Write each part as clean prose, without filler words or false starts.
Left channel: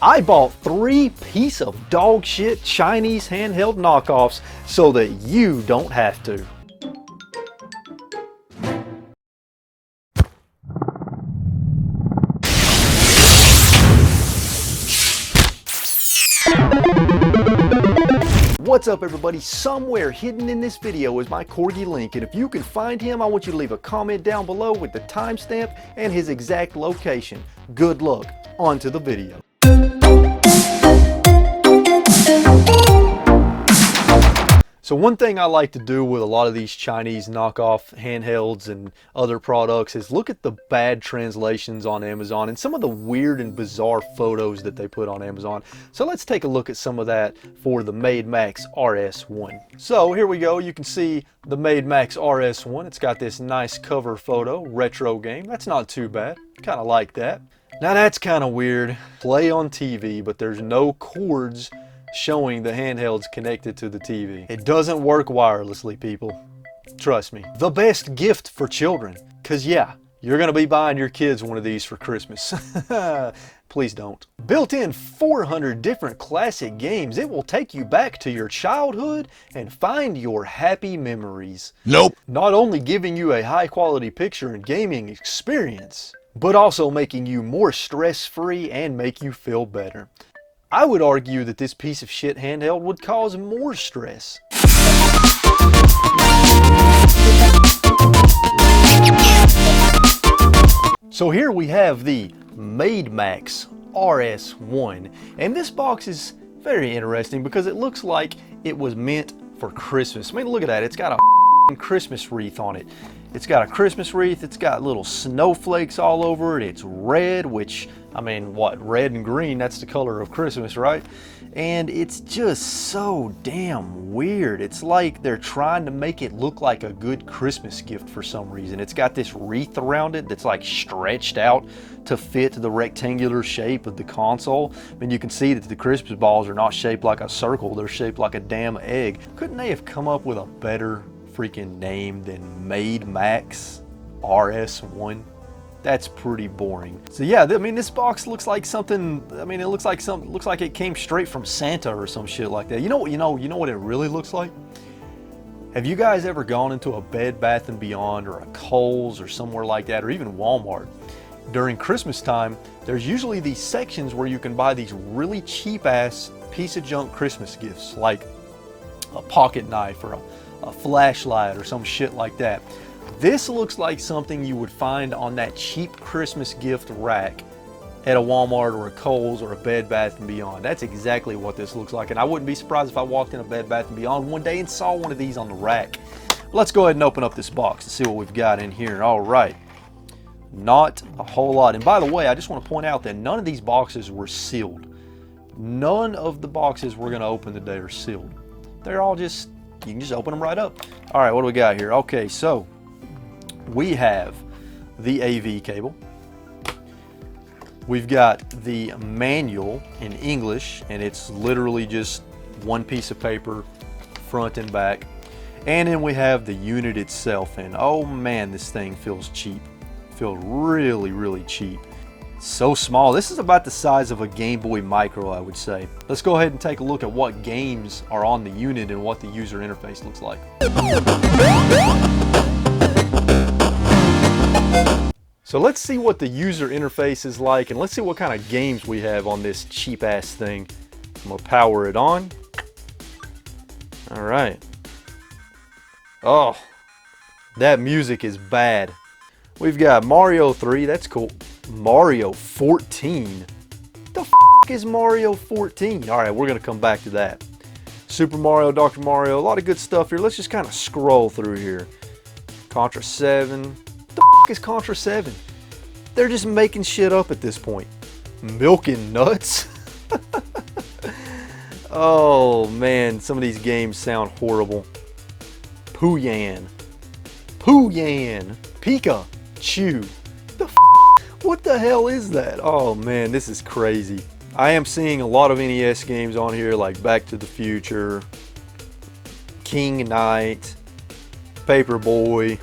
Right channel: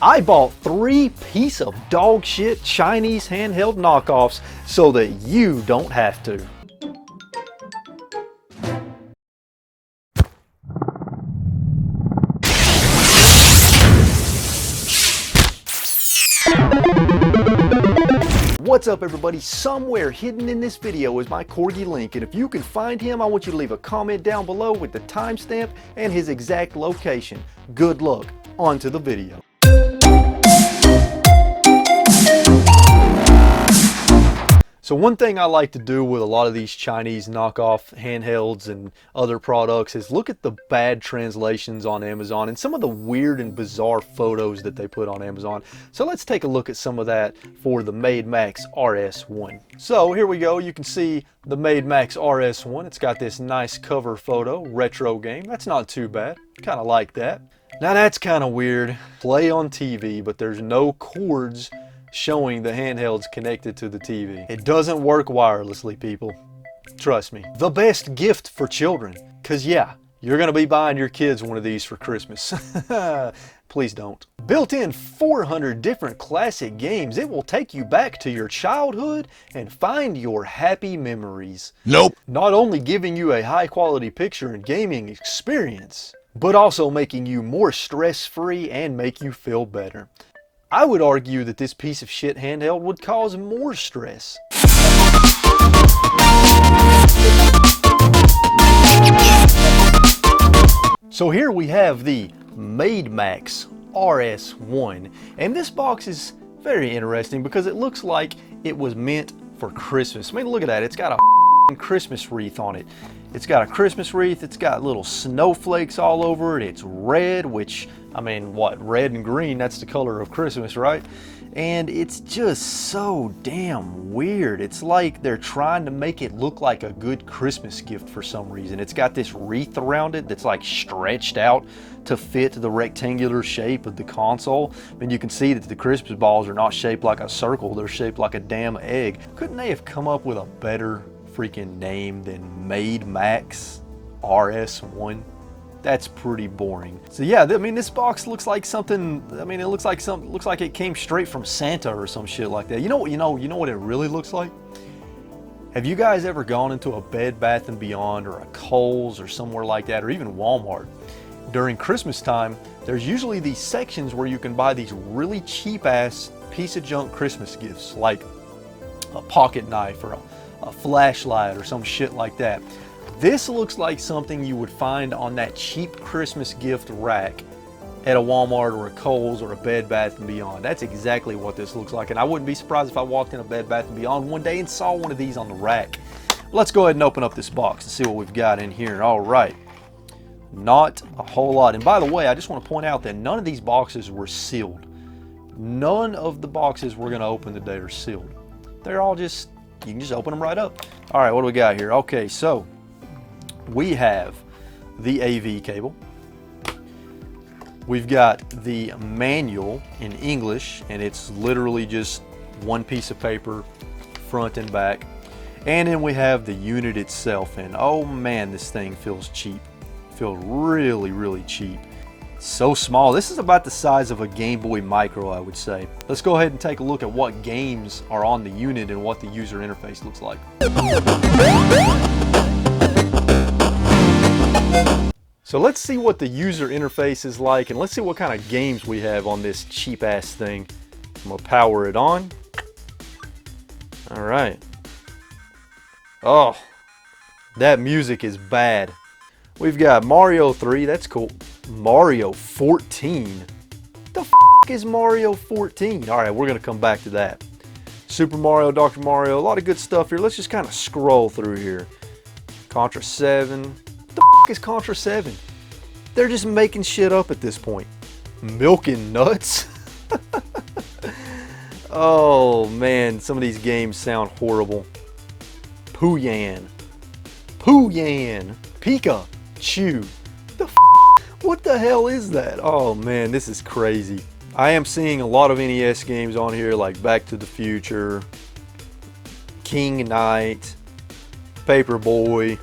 I bought 3 piece of dog shit Chinese handheld knockoffs so that you don't have to. What's up everybody? Somewhere hidden in this video is my corgi Link, and if you can find him, I want you to leave a comment down below with the timestamp and his exact location. Good luck, on to the video. So one thing I like to do with a lot of these Chinese knockoff handhelds and other products is look at the bad translations on Amazon and some of the weird and bizarre photos that they put on Amazon. So let's take a look at some of that for the Made Max RS1. So here we go. You can see the Made Max RS1. It's got this nice cover photo, retro game. That's not too bad. Kind of like that. Now that's kind of weird. Play on TV, but there's no cords showing the handheld's connected to the TV. It doesn't work wirelessly, people. Trust me. The best gift for children. Cause yeah, you're gonna be buying your kids one of these for Christmas. Please don't. Built in 400 different classic games, it will take you back to your childhood and find your happy memories. Nope. Not only giving you a high quality picture and gaming experience, but also making you more stress-free and make you feel better. I would argue that this piece of shit handheld would cause more stress. So here we have the Made Max RS1, and this box is very interesting because it looks like it was meant for Christmas. I mean, look at that. It's got a Christmas wreath on it. It's got a Christmas wreath. It's got little snowflakes all over it. It's red, which, I mean, what? Red and green, that's the color of Christmas, right? And it's just so damn weird. It's like they're trying to make it look like a good Christmas gift for some reason. It's got this wreath around it that's like stretched out to fit the rectangular shape of the console. I mean, you can see that the Christmas balls are not shaped like a circle. They're shaped like a damn egg. Couldn't they have come up with a better freaking name than Made Max RS1? That's pretty boring. So yeah, I mean, this box looks like something. I mean, it looks like it came straight from Santa or some shit like that. You know what it really looks like? Have you guys ever gone into a Bed Bath & Beyond or a Kohl's or somewhere like that, or even Walmart? During Christmas time, there's usually these sections where you can buy these really cheap ass piece of junk Christmas gifts, like a pocket knife or a flashlight or some shit like that. This looks like something you would find on that cheap Christmas gift rack at a Walmart or a Kohl's or a Bed Bath & Beyond. That's exactly what this looks like, and I wouldn't be surprised if I walked in a Bed Bath & Beyond one day and saw one of these on the rack. Let's go ahead and open up this box and see what we've got in here. All right, not a whole lot. And by the way, I just want to point out that none of these boxes were sealed. None of the boxes we're going to open today are sealed. They're all just, you can just open them right up. All right, what do we got here? Okay, so we have the AV cable. We've got the manual in English, and it's literally just one piece of paper, front and back. And then we have the unit itself, and oh man, this thing feels cheap. Feels really, really cheap. So small. This is about the size of a Game Boy Micro, I would say. Let's go ahead and take a look at what games are on the unit and what the user interface looks like. So let's see what the user interface is like, and let's see what kind of games we have on this cheap ass thing. I'm gonna power it on. All right. Oh, that music is bad. We've got Mario 3, that's cool. Mario 14. The f is Mario 14? All right, we're gonna come back to that. Super Mario, Dr. Mario, a lot of good stuff here. Let's just kind of scroll through here. Contra 7. The f is Contra 7? They're just making shit up at this point. Milking Nuts? Oh man, some of these games sound horrible. Pooyan. Pooyan. Pikachu. The f what the hell is that? Oh man, this is crazy. I am seeing a lot of NES games on here like Back to the Future, King Knight, Paperboy.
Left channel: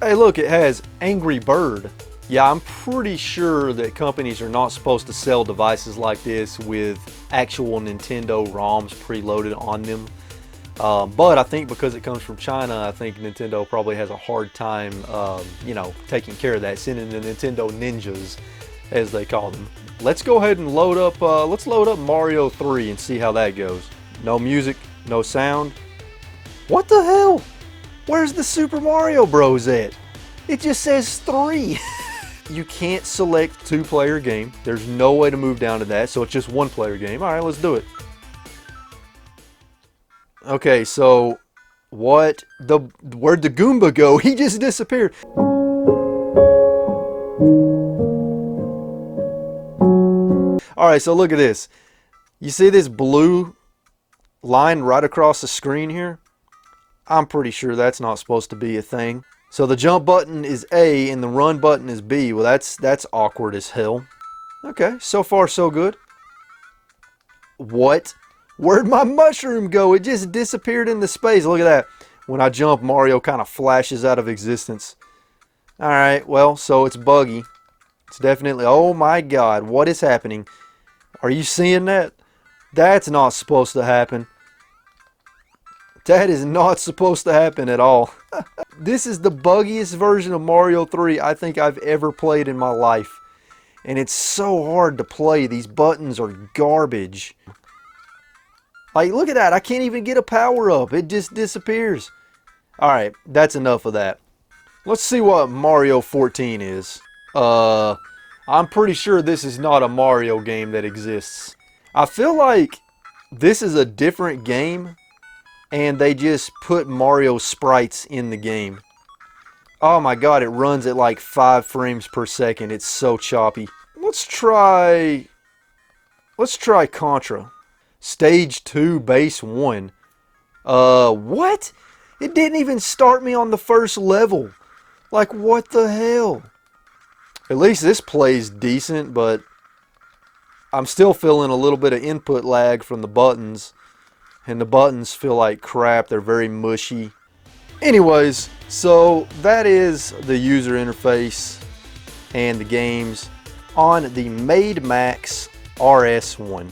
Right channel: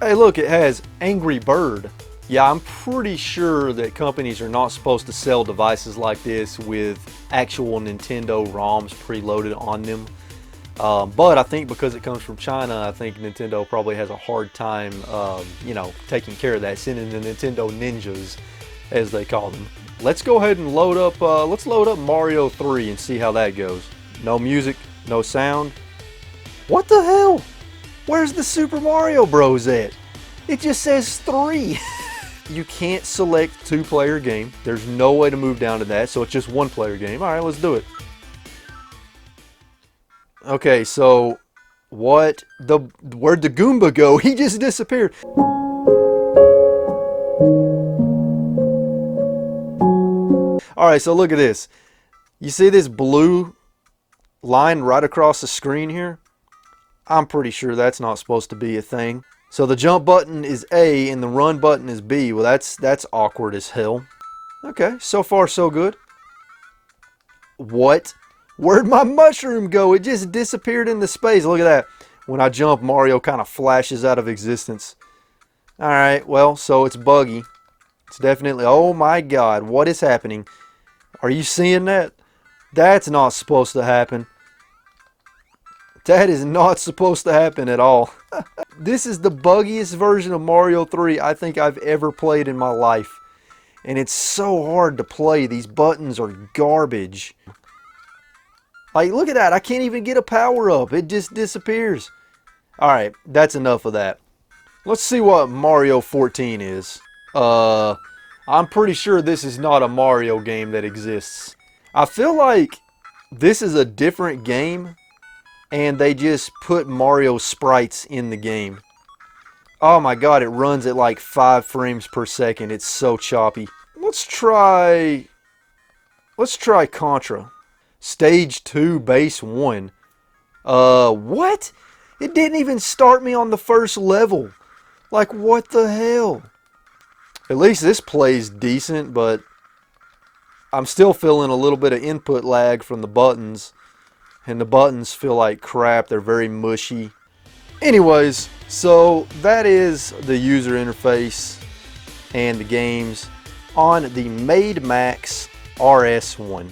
Hey look, it has Angry Bird. Yeah, I'm pretty sure that companies are not supposed to sell devices like this with actual Nintendo ROMs preloaded on them. But I think because it comes from China, I think Nintendo probably has a hard time, taking care of that, sending the Nintendo ninjas, as they call them. Let's go ahead and load up Mario 3 and see how that goes. No music, no sound. What the hell? Where's the Super Mario Bros. At? It just says 3. You can't select 2-player game. There's no way to move down to that, so it's just 1-player game. All right, let's do it. Okay, so where'd the Goomba go? He just disappeared. All right, so look at this. You see this blue line right across the screen here? I'm pretty sure that's not supposed to be a thing. So the jump button is A and the run button is B. Well, that's awkward as hell. Okay, so far so good. What? Where'd my mushroom go? It just disappeared into space. Look at that. When I jump, Mario kind of flashes out of existence. Alright, well, so it's buggy. It's definitely... Oh my god, what is happening? Are you seeing that? That's not supposed to happen. That is not supposed to happen at all. This is the buggiest version of Mario 3 I think I've ever played in my life. And it's so hard to play. These buttons are garbage. Like, look at that. I can't even get a power-up. It just disappears. Alright, that's enough of that. Let's see what Mario 14 is. I'm pretty sure this is not a Mario game that exists. I feel like this is a different game, and they just put Mario sprites in the game. Oh my god, it runs at like 5 frames per second. It's so choppy. Let's try Contra. Stage 2, base 1. What? It didn't even start me on the first level. Like, what the hell? At least this plays decent, but I'm still feeling a little bit of input lag from the buttons. And the buttons feel like crap. They're very mushy. Anyways, so that is the user interface and the games on the Made Max RS1.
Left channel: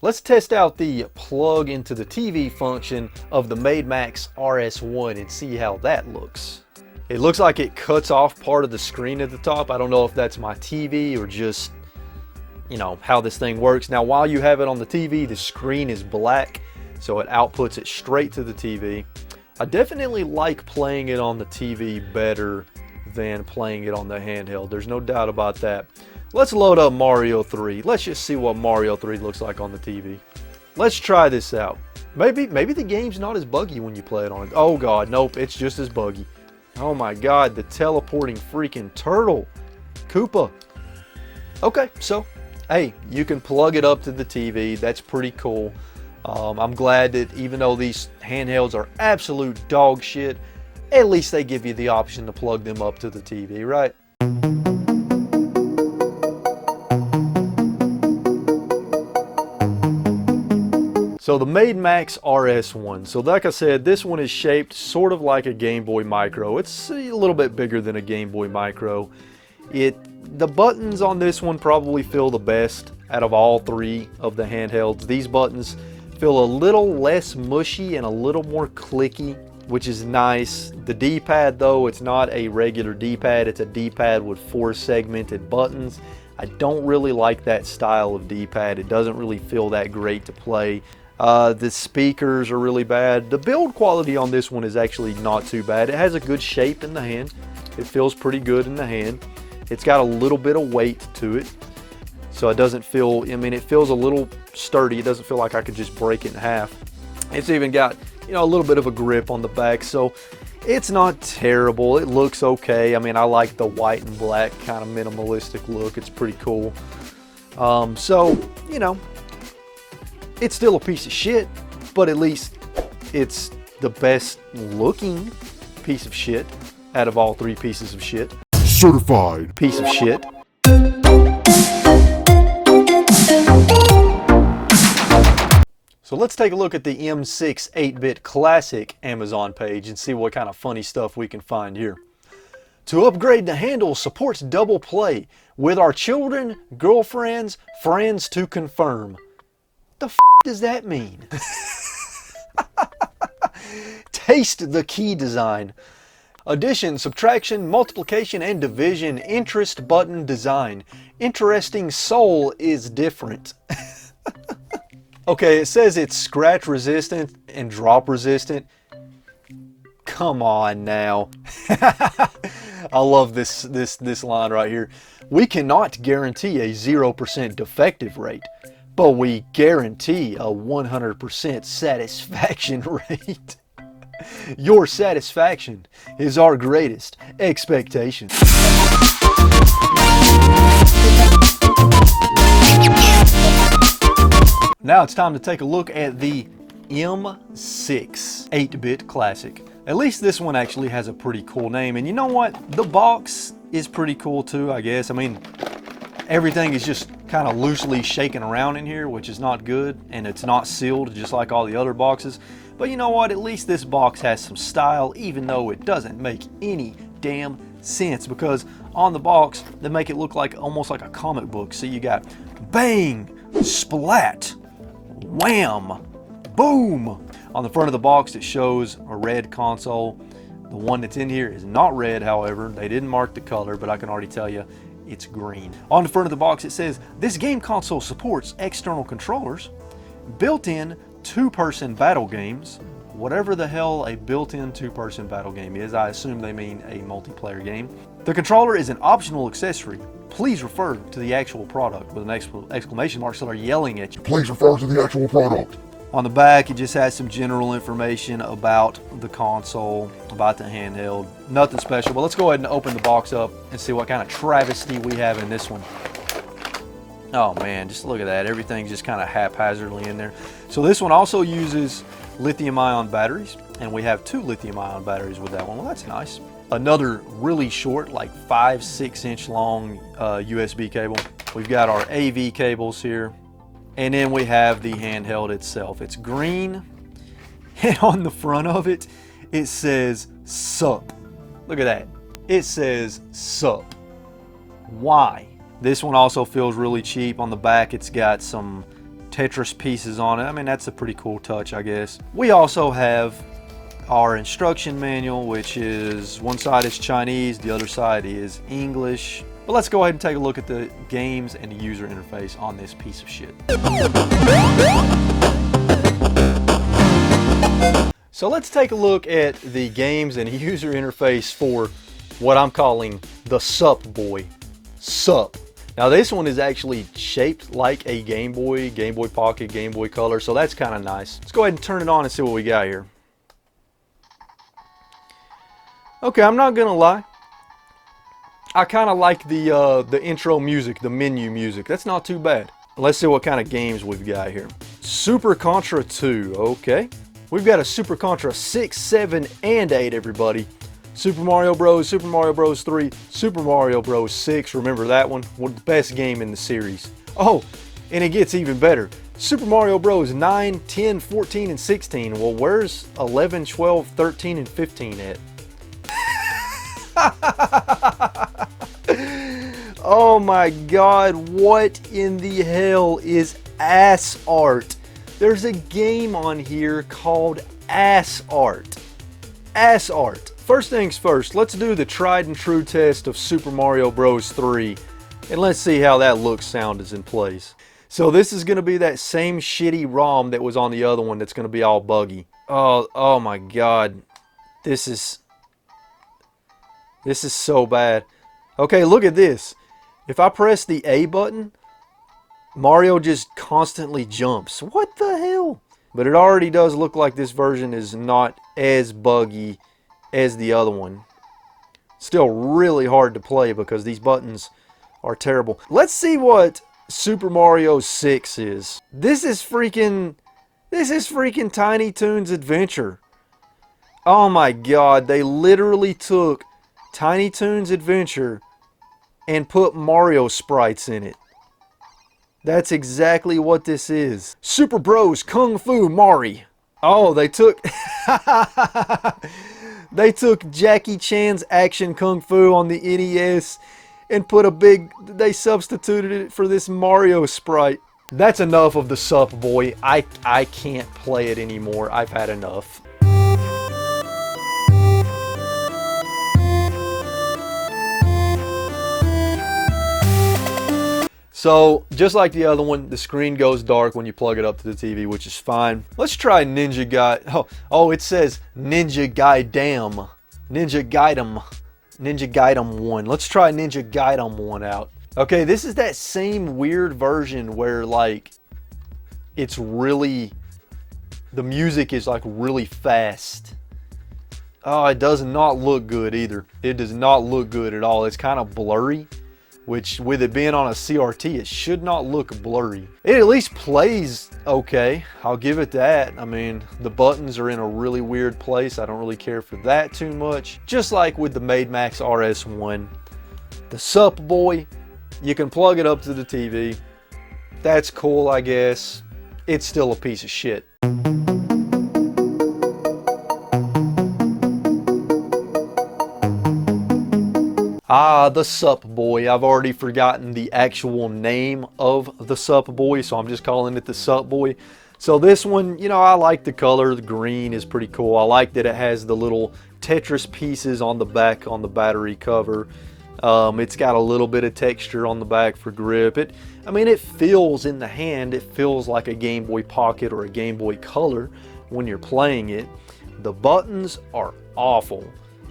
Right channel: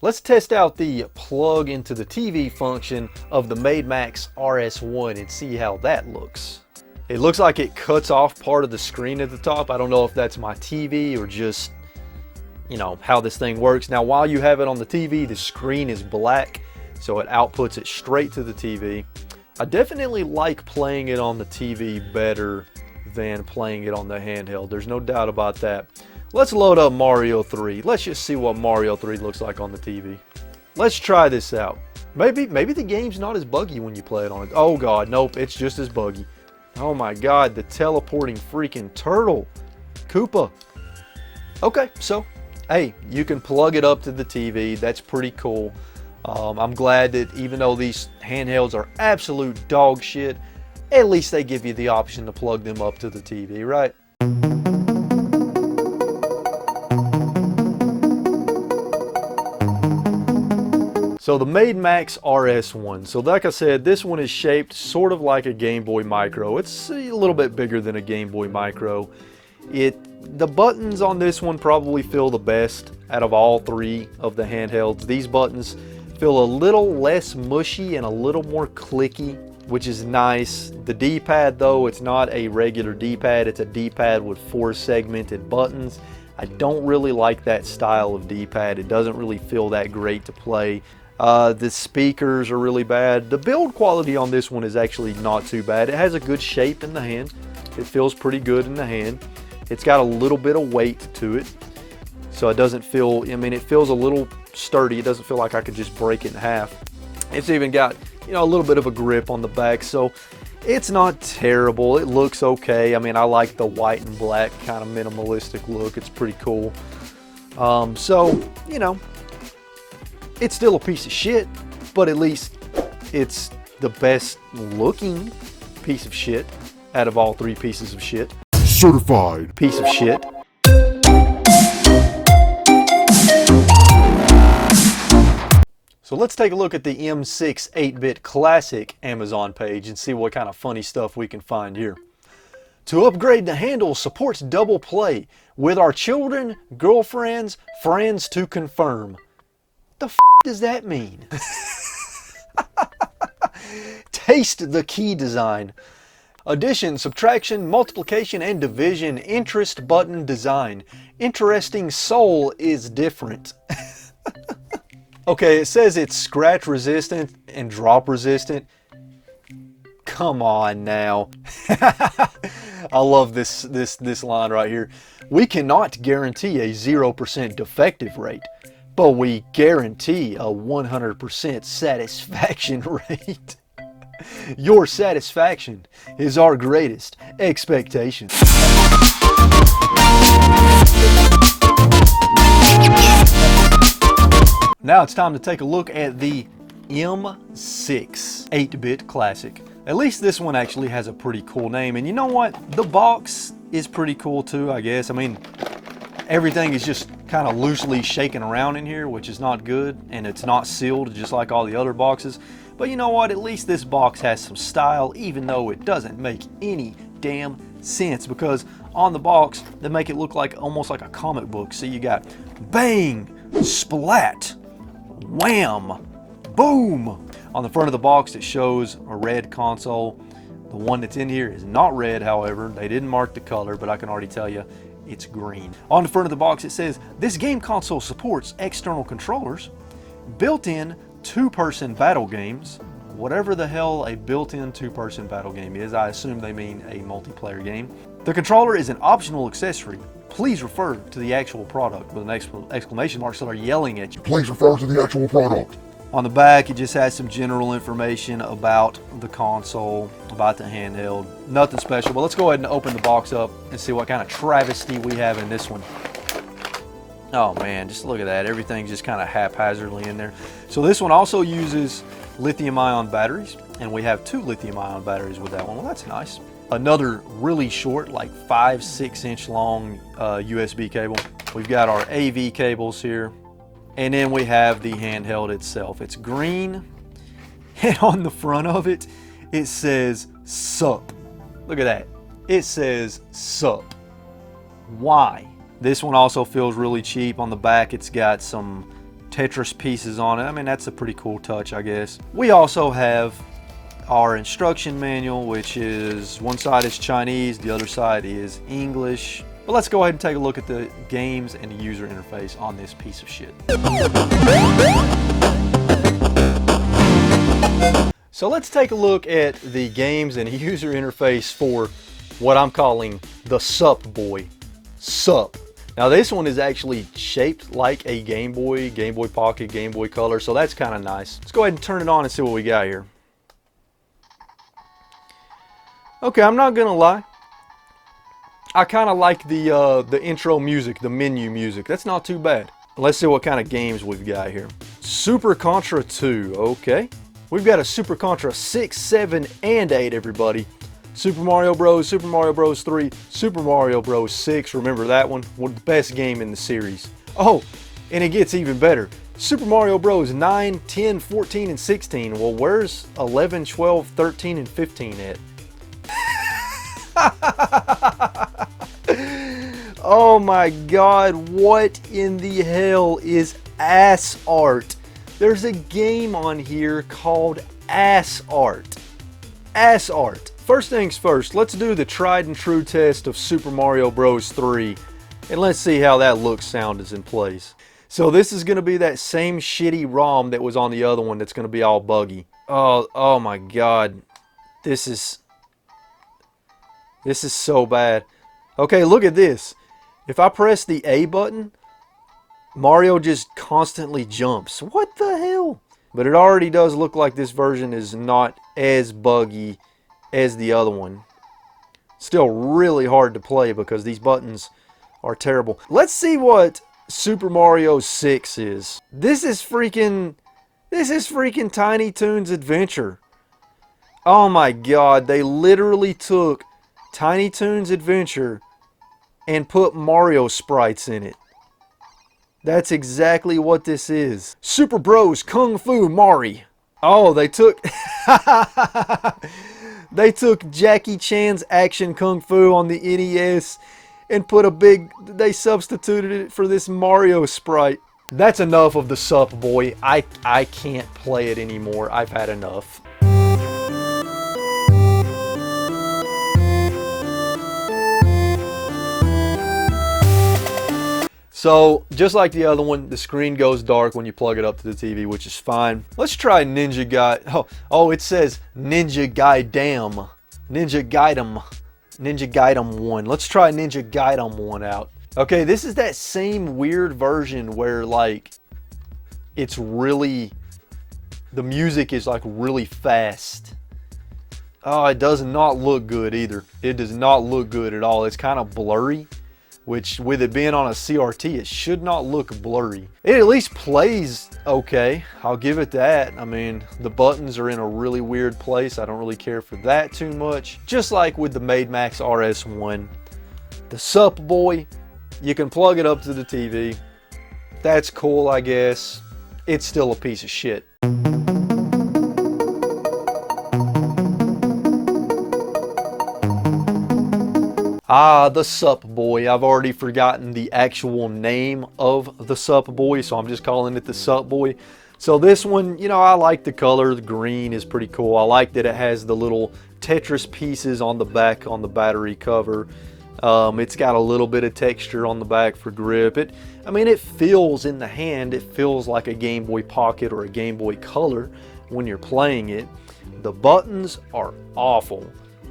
Let's test out the plug into the TV function of the Made Max RS1 and see how that looks. It looks like it cuts off part of the screen at the top. I don't know if that's my TV or just, how this thing works. Now, while you have it on the TV, the screen is black, so it outputs it straight to the TV. I definitely like playing it on the TV better than playing it on the handheld. There's no doubt about that. Let's load up Mario 3. Let's just see what Mario 3 looks like on the TV. Let's try this out. Maybe the game's not as buggy when you play it on it. Oh god, nope, it's just as buggy. Oh my god, the teleporting freaking turtle. Koopa. Okay, so, hey, you can plug it up to the TV. That's pretty cool. I'm glad that even though these handhelds are absolute dog shit, at least they give you the option to plug them up to the TV, right? So the Made Max RS1. So like I said, this one is shaped sort of like a Game Boy Micro. It's a little bit bigger than a Game Boy Micro. The buttons on this one probably feel the best out of all 3 of the handhelds. These buttons feel a little less mushy and a little more clicky, which is nice. The D-pad though, it's not a regular D-pad. It's a D-pad with 4 segmented buttons. I don't really like that style of D-pad. It doesn't really feel that great to play. The speakers are really bad. The build quality on this one is actually not too bad. It has a good shape in the hand. It feels pretty good in the hand. It's got a little bit of weight to it. So it doesn't feel, it feels a little sturdy. It doesn't feel like I could just break it in half. It's even got, a little bit of a grip on the back. So it's not terrible. It looks okay. I like the white and black kind of minimalistic look. It's pretty cool. It's still a piece of shit, but at least it's the best looking piece of shit out of all 3 pieces of shit. Certified piece of shit. So let's take a look at the M6 8-bit Classic Amazon page and see what kind of funny stuff we can find here. To upgrade the handle supports double play with our children, girlfriends, friends to confirm. The f does that mean? Taste the key design. Addition, subtraction, multiplication, and division interest button design. Interesting soul is different. Okay, it says it's scratch resistant and drop resistant. Come on now. I love this line right here. We cannot guarantee a 0% defective rate, but we guarantee a 100% satisfaction rate. Your satisfaction is our greatest expectation. Now it's time to take a look at the M6 8-bit Classic. At least this one actually has a pretty cool name. And you know what? The box is pretty cool too, I guess. I mean, everything is just kind of loosely shaking around in here, which is not good. And it's not sealed just like all the other boxes. But you know what? At least this box has some style, even though it doesn't make any damn sense. Because on the box, they make it look like almost like a comic book. See, you got bang, splat, wham, boom. On the front of the box, it shows a red console. The one that's in here is not red, however. They didn't mark the color, but I can already tell you it's green. On the front of the box, it says, this game console supports external controllers, built-in two-person battle games. Whatever the hell a built-in two-person battle game is, I assume they mean a multiplayer game. The controller is an optional accessory. Please refer to the actual product, with an exclamation mark so they're yelling at you. Please refer to the actual product. On the back, it just has some general information about the console, about the handheld. Nothing special, but let's go ahead and open the box up and see what kind of travesty we have in this one. Oh man, just look at that. Everything's just kind of haphazardly in there. So this one also uses lithium-ion batteries, and we have 2 lithium-ion batteries with that one. Well, that's nice. Another really short, like 5-6 inch long USB cable. We've got our AV cables here. And then we have the handheld itself. It's green, and on the front of it, it says SUP. Look at that. It says SUP. Why? This one also feels really cheap. On the back, it's got some Tetris pieces on it. I mean, that's a pretty cool touch, I guess. We also have our instruction manual, which is one side is Chinese, the other side is English. But let's go ahead and take a look at the games and the user interface on this piece of shit. So let's take a look at the games and user interface for what I'm calling the SUP boy. SUP. Now this one is actually shaped like a Game Boy Pocket, Game Boy Color, so that's kind of nice. Let's go ahead and turn it on and see what we got here. Okay, I'm not gonna lie. I kind of like the intro music, the menu music. That's not too bad. Let's see what kind of games we've got here. Super Contra 2, okay. We've got a Super Contra 6, 7, and 8, everybody. Super Mario Bros, Super Mario Bros 3, Super Mario Bros 6, remember that one? One of the best game in the series. Oh, and it gets even better. Super Mario Bros 9, 10, 14, and 16. Well, where's 11, 12, 13, and 15 at? Oh my god, what in the hell is ass art? There's a game on here called Ass Art. Ass Art. First things first, let's do the tried and true test of Super Mario Bros 3 and let's see how that looks, sounds, and plays. So this is going to be that same shitty ROM that was on the other one that's going to be all buggy. Oh my god. This is so bad. Okay, look at this. If I press the A button, Mario just constantly jumps. What the hell? But it already does look like this version is not as buggy as the other one. Still really hard to play because these buttons are terrible. Let's see what Super Mario 6 is. This is freaking Tiny Toons Adventure. Oh my god, they literally took Tiny Toons Adventure and put Mario sprites in it. That's exactly what this is. Super Bros Kung Fu Mari. Oh, they took they took Jackie Chan's action kung fu on the NES and they substituted it for this Mario sprite. That's enough of the Sup Boy. I can't play it anymore. I've had enough. So, just like the other one, the screen goes dark when you plug it up to the TV, which is fine. Let's try Ninja Gaiden. Oh, it says Ninja Gaiden. Ninja Gaiden 1. Let's try Ninja Gaiden 1 out. Okay, this is that same weird version where, like, it's really... the music is, like, really fast. Oh, it does not look good either. It does not look good at all. It's kind of blurry. Which, with it being on a CRT, it should not look blurry. It at least plays okay. I'll give it that. I mean, the buttons are in a really weird place. I don't really care for that too much. Just like with the Max RS1. The Sup Boy, you can plug it up to the TV. That's cool, I guess. It's still a piece of shit. Ah, the Sup Boy. I've already forgotten the actual name of the Sup Boy, so I'm just calling it the Sup Boy. So this one, you know, I like the color. The green is pretty cool. I like that it has the little Tetris pieces on the back on the battery cover. It's got a little bit of texture on the back for grip. I mean, it feels in the hand, it feels like a Game Boy Pocket or a Game Boy Color when you're playing it. The buttons are awful.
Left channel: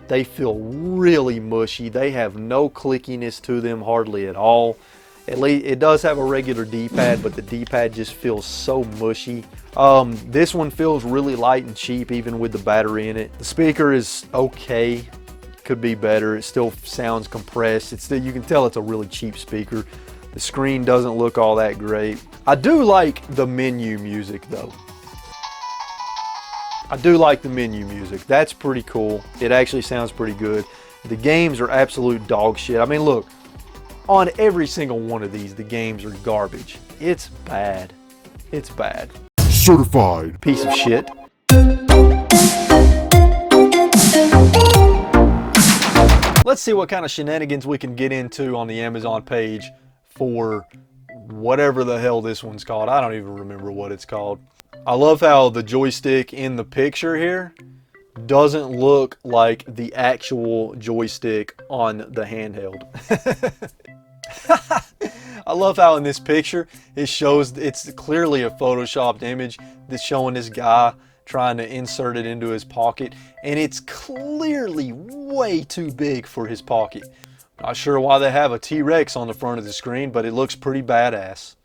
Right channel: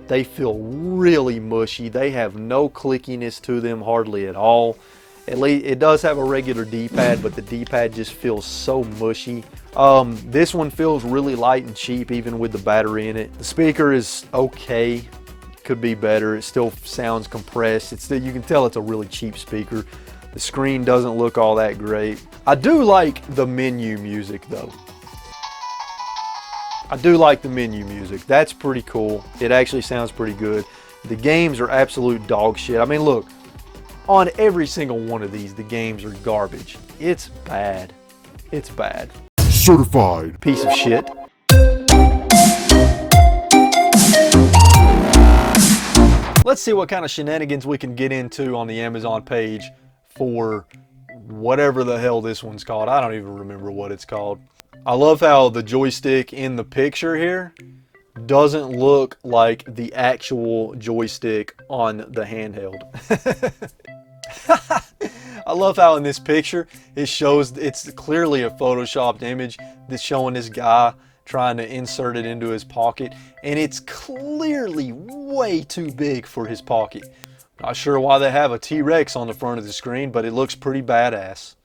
They feel really mushy. They have no clickiness to them hardly at all. At least it does have a regular D-pad, but the D-pad just feels so mushy. This one feels really light and cheap even with the battery in it. The speaker is okay. Could be better. It still sounds compressed. You can tell it's a really cheap speaker. The screen doesn't look all that great. I do like the menu music though. I do like the menu music. That's pretty cool. It actually sounds pretty good. The games are absolute dog shit. I mean, look, on every single one of these, the games are garbage. It's bad. It's bad. Certified piece of shit. Let's see what kind of shenanigans we can get into on the Amazon page for whatever the hell this one's called. I don't even remember what it's called. I love how the joystick in the picture here doesn't look like the actual joystick on the handheld. I love how in this picture it shows it's clearly a photoshopped image that's showing this guy trying to insert it into his pocket, and it's clearly way too big for his pocket. Not sure why they have a T-Rex on the front of the screen, but it looks pretty badass.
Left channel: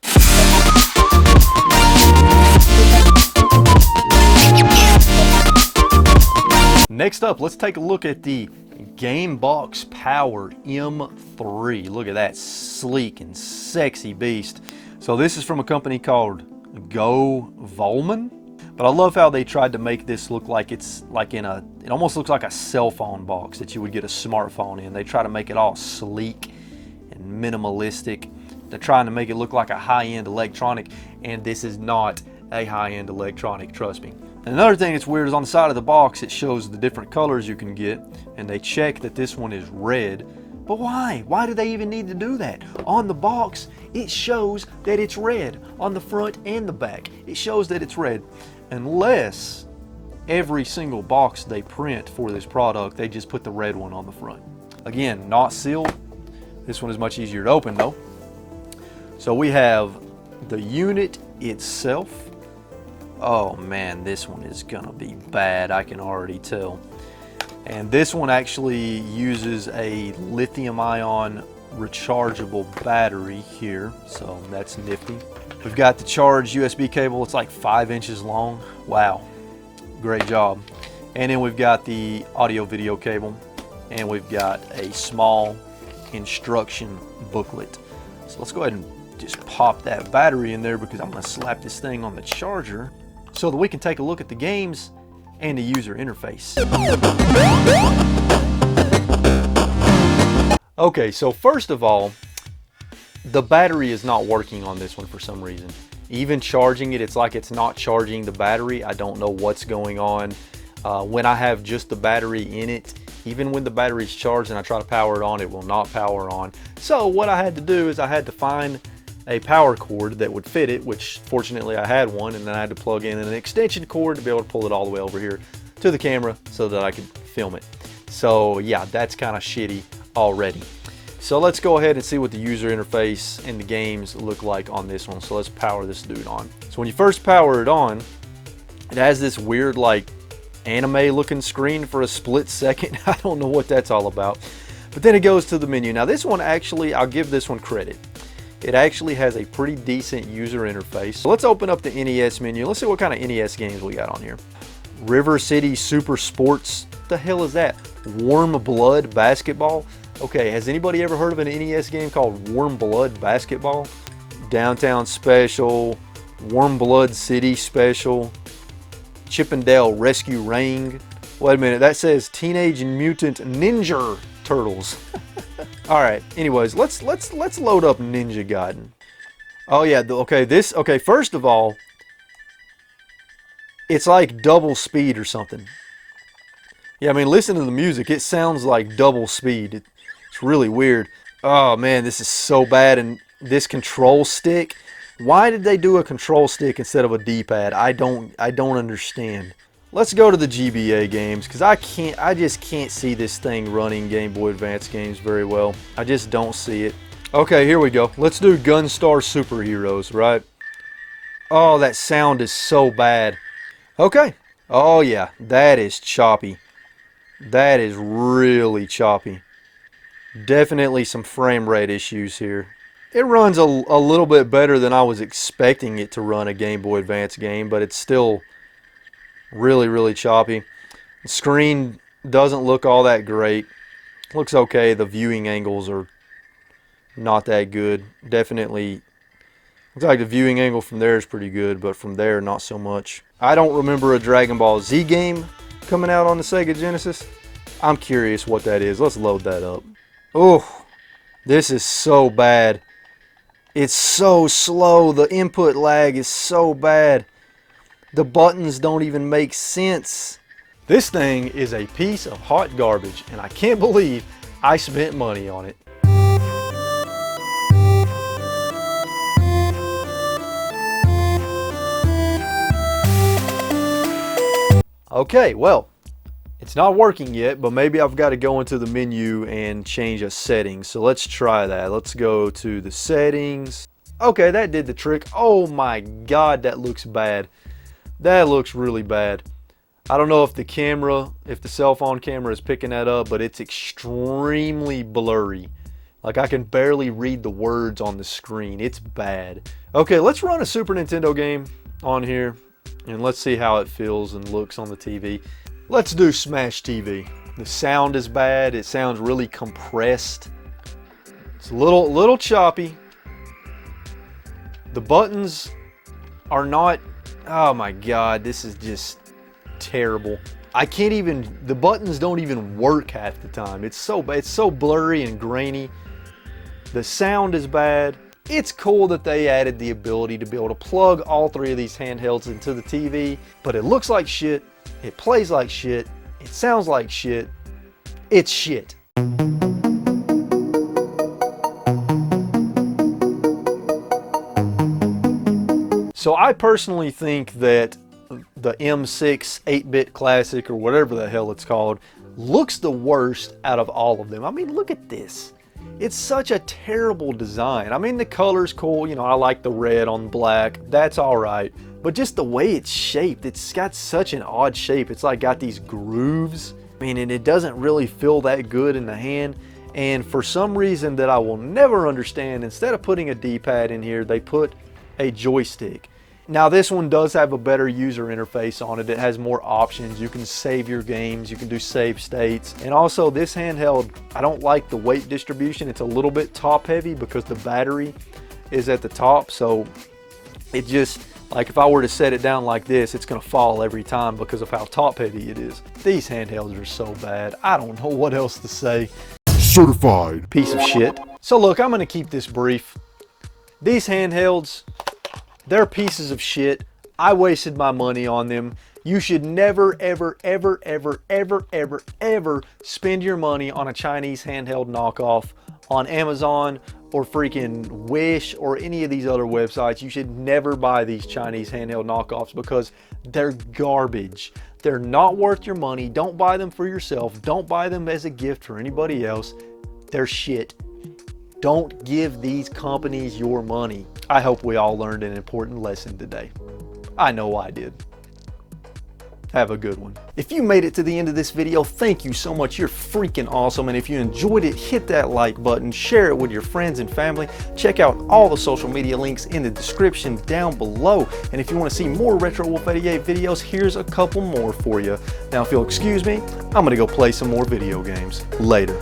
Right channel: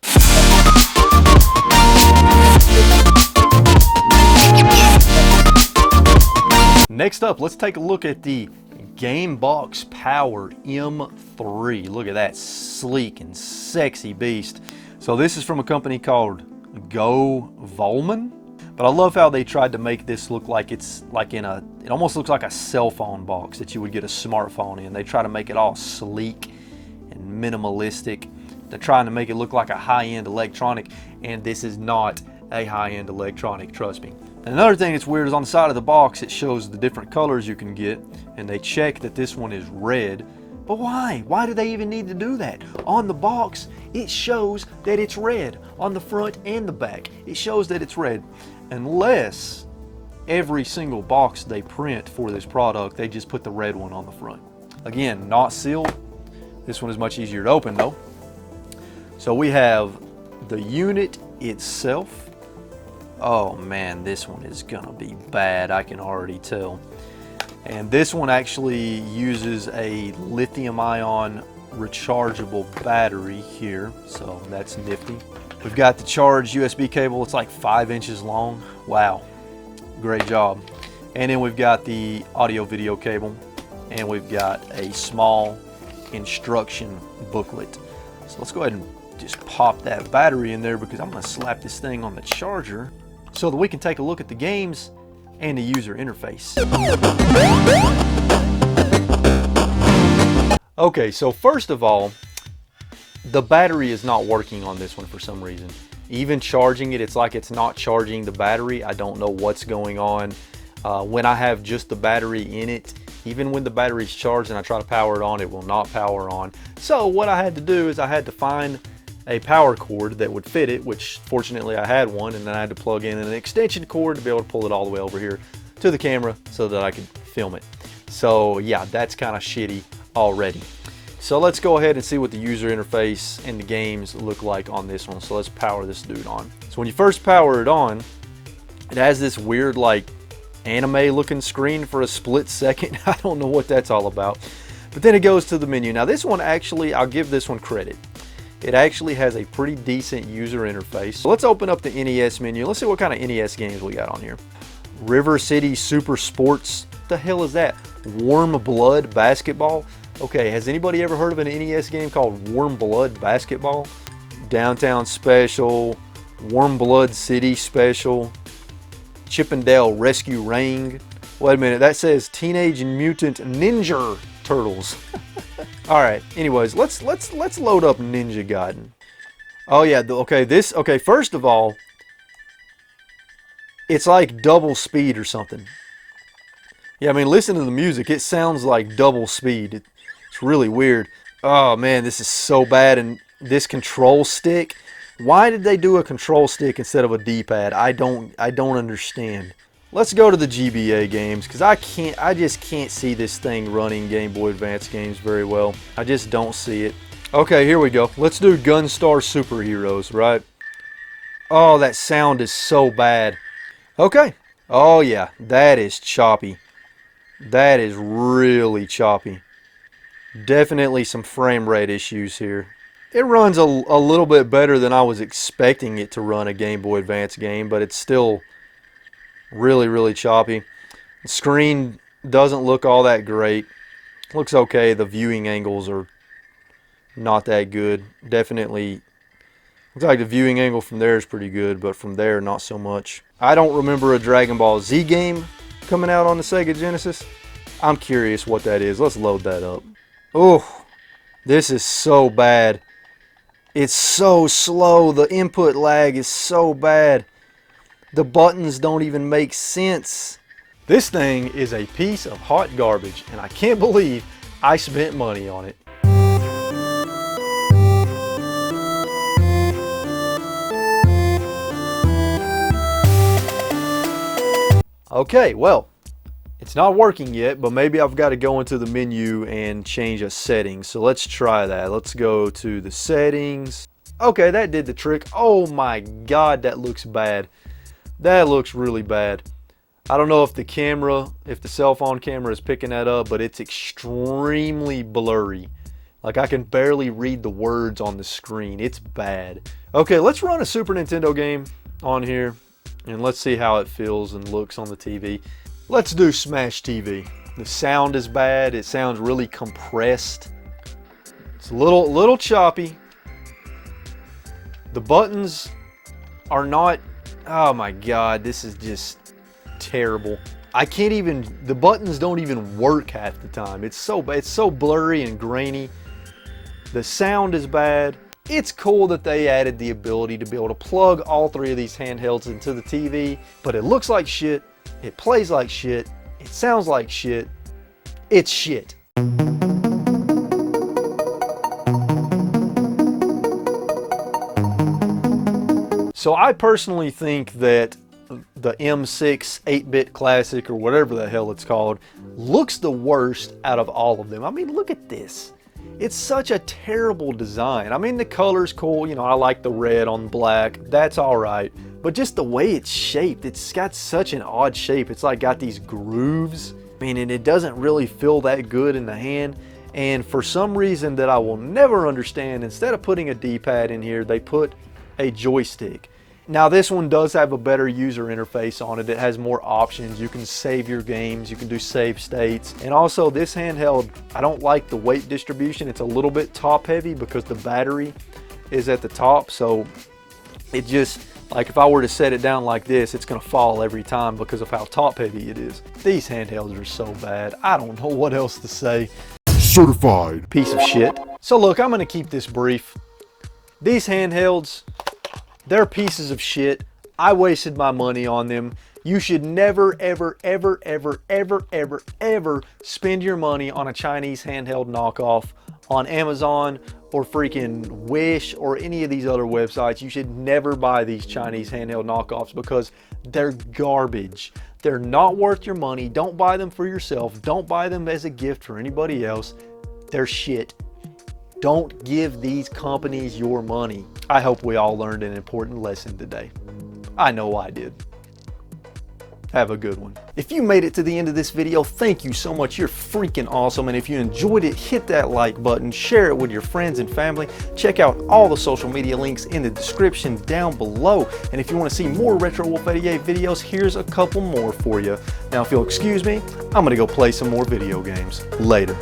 Next up, let's take a look at the Gamebox Power M3. Look at that sleek and sexy beast. So this is from a company called Go Volman. But I love how they tried to make this look like it's like it almost looks like a cell phone box that you would get a smartphone in. They try to make it all sleek and minimalistic. They're trying to make it look like a high-end electronic, and this is not a high-end electronic, trust me. Another thing that's weird is on the side of the box it shows the different colors you can get, and they check that this one is red. But why? Why do they even need to do that? On the box it shows that it's red. On the front and the back it shows that it's red. Unless every single box they print for this product, they just put the red one on the front. Again, not sealed. This one is much easier to open though. So we have the unit itself. Oh man, this one is gonna be bad, I can already tell. And this one actually uses a lithium-ion rechargeable battery here, so that's nifty. We've got the charged USB cable. It's like 5 inches long. Wow, great job. And then we've got the audio video cable, and we've got a small instruction booklet. So let's go ahead and just pop that battery in there, because I'm going to slap this thing on the charger so that we can take a look at the games and the user interface. Okay, so first of all, the battery is not working on this one for some reason. Even charging it, it's like it's not charging the battery. I don't know what's going on. When I have just the battery in it, even when the battery's charged and I try to power it on, it will not power on. So what I had to do is I had to find a power cord that would fit it, which fortunately I had one, and then I had to plug in an extension cord to be able to pull it all the way over here to the camera so that I could film it. So yeah, that's kind of shitty already. So let's go ahead and see what the user interface and the games look like on this one. So let's power this dude on. So when you first power it on, it has this weird like anime looking screen for a split second. I don't know what that's all about. But then it goes to the menu. Now this one actually, I'll give this one credit. It actually has a pretty decent user interface. So let's open up the NES menu. Let's see what kind of NES games we got on here. River City Super Sports. What the hell is that? Warm Blood Basketball. Okay, has anybody ever heard of an NES game called Warm Blood Basketball? Downtown Special, Warm Blood City Special, Chippendale Rescue Ring. Wait a minute, that says Teenage Mutant Ninja Turtles. All right, anyways, let's load up Ninja Gaiden. Oh yeah, okay, first of all, it's like double speed or something. Yeah, I mean, listen to the music. It sounds like double speed. It's really weird. Oh man, this is so bad. And this control stick, why did they do a control stick instead of a D-pad? I don't understand. Let's go to the GBA games, because I just can't see this thing running Game Boy Advance games very well. I just don't see it. Okay, here we go. Let's do Gunstar Superheroes, right? Oh, that sound is so bad. Okay. Oh yeah, that is choppy. That is really choppy. Definitely some frame rate issues here. It runs a little bit better than I was expecting it to run a Game Boy Advance game, but it's still really, really choppy. The screen doesn't look all that great. Looks okay. The viewing angles are not that good. Definitely looks like the viewing angle from there is pretty good, but from there, not so much. I don't remember a Dragon Ball Z game coming out on the Sega Genesis. I'm curious what that is. Let's load that up. Oh, this is so bad. It's so slow. The input lag is so bad. The buttons don't even make sense. This thing is a piece of hot garbage, and I can't believe I spent money on it. Okay, well, it's not working yet, but maybe I've got to go into the menu and change a setting. So let's try that. Let's go to the settings. Okay, that did the trick. Oh my God, that looks bad. That looks really bad. I don't know if the cell phone camera is picking that up, but it's extremely blurry. Like I can barely read the words on the screen. It's bad. Okay, let's run a Super Nintendo game on here, and let's see how it feels and looks on the TV. Let's do Smash TV. The sound is bad. It sounds really compressed. It's a little choppy. The buttons are not... Oh my God, this is just terrible. The buttons don't even work half the time. It's so bad. It's so blurry and grainy. The sound is bad. It's cool that they added the ability to be able to plug all three of these handhelds into the TV, but it looks like shit. It plays like shit. It sounds like shit. It's shit. So I personally think that the M6 8-bit classic, or whatever the hell it's called, looks the worst out of all of them. I mean, look at this. It's such a terrible design. I mean, the color's cool. You know, I like the red on black. That's all right. But just the way it's shaped, it's got such an odd shape. It's like got these grooves. I mean, and it doesn't really feel that good in the hand. And for some reason that I will never understand, instead of putting a D-pad in here, they put a joystick. Now this one does have a better user interface on it. It has more options. You can save your games, you can do save states. And also this handheld, I don't like the weight distribution. It's a little bit top heavy because the battery is at the top. So it just, like if I were to set it down like this, it's gonna fall every time because of how top heavy it is. These handhelds are so bad. I don't know what else to say. Certified Piece of shit. So look, I'm gonna keep this brief. These handhelds, they're pieces of shit. I wasted my money on them. You should never, ever, ever, ever, ever, ever, ever spend your money on a Chinese handheld knockoff on Amazon or freaking Wish or any of these other websites. You should never buy these Chinese handheld knockoffs because they're garbage. They're not worth your money. Don't buy them for yourself. Don't buy them as a gift for anybody else. They're shit. Don't give these companies your money. I hope we all learned an important lesson today. I know I did. Have a good one. If you made it to the end of this video, thank you so much. You're freaking awesome. And if you enjoyed it, hit that like button, share it with your friends and family. Check out all the social media links in the description down below. And if you want to see more RetroWolf 88 videos, here's a couple more for you. Now, if you'll excuse me, I'm going to go play some more video games. Later.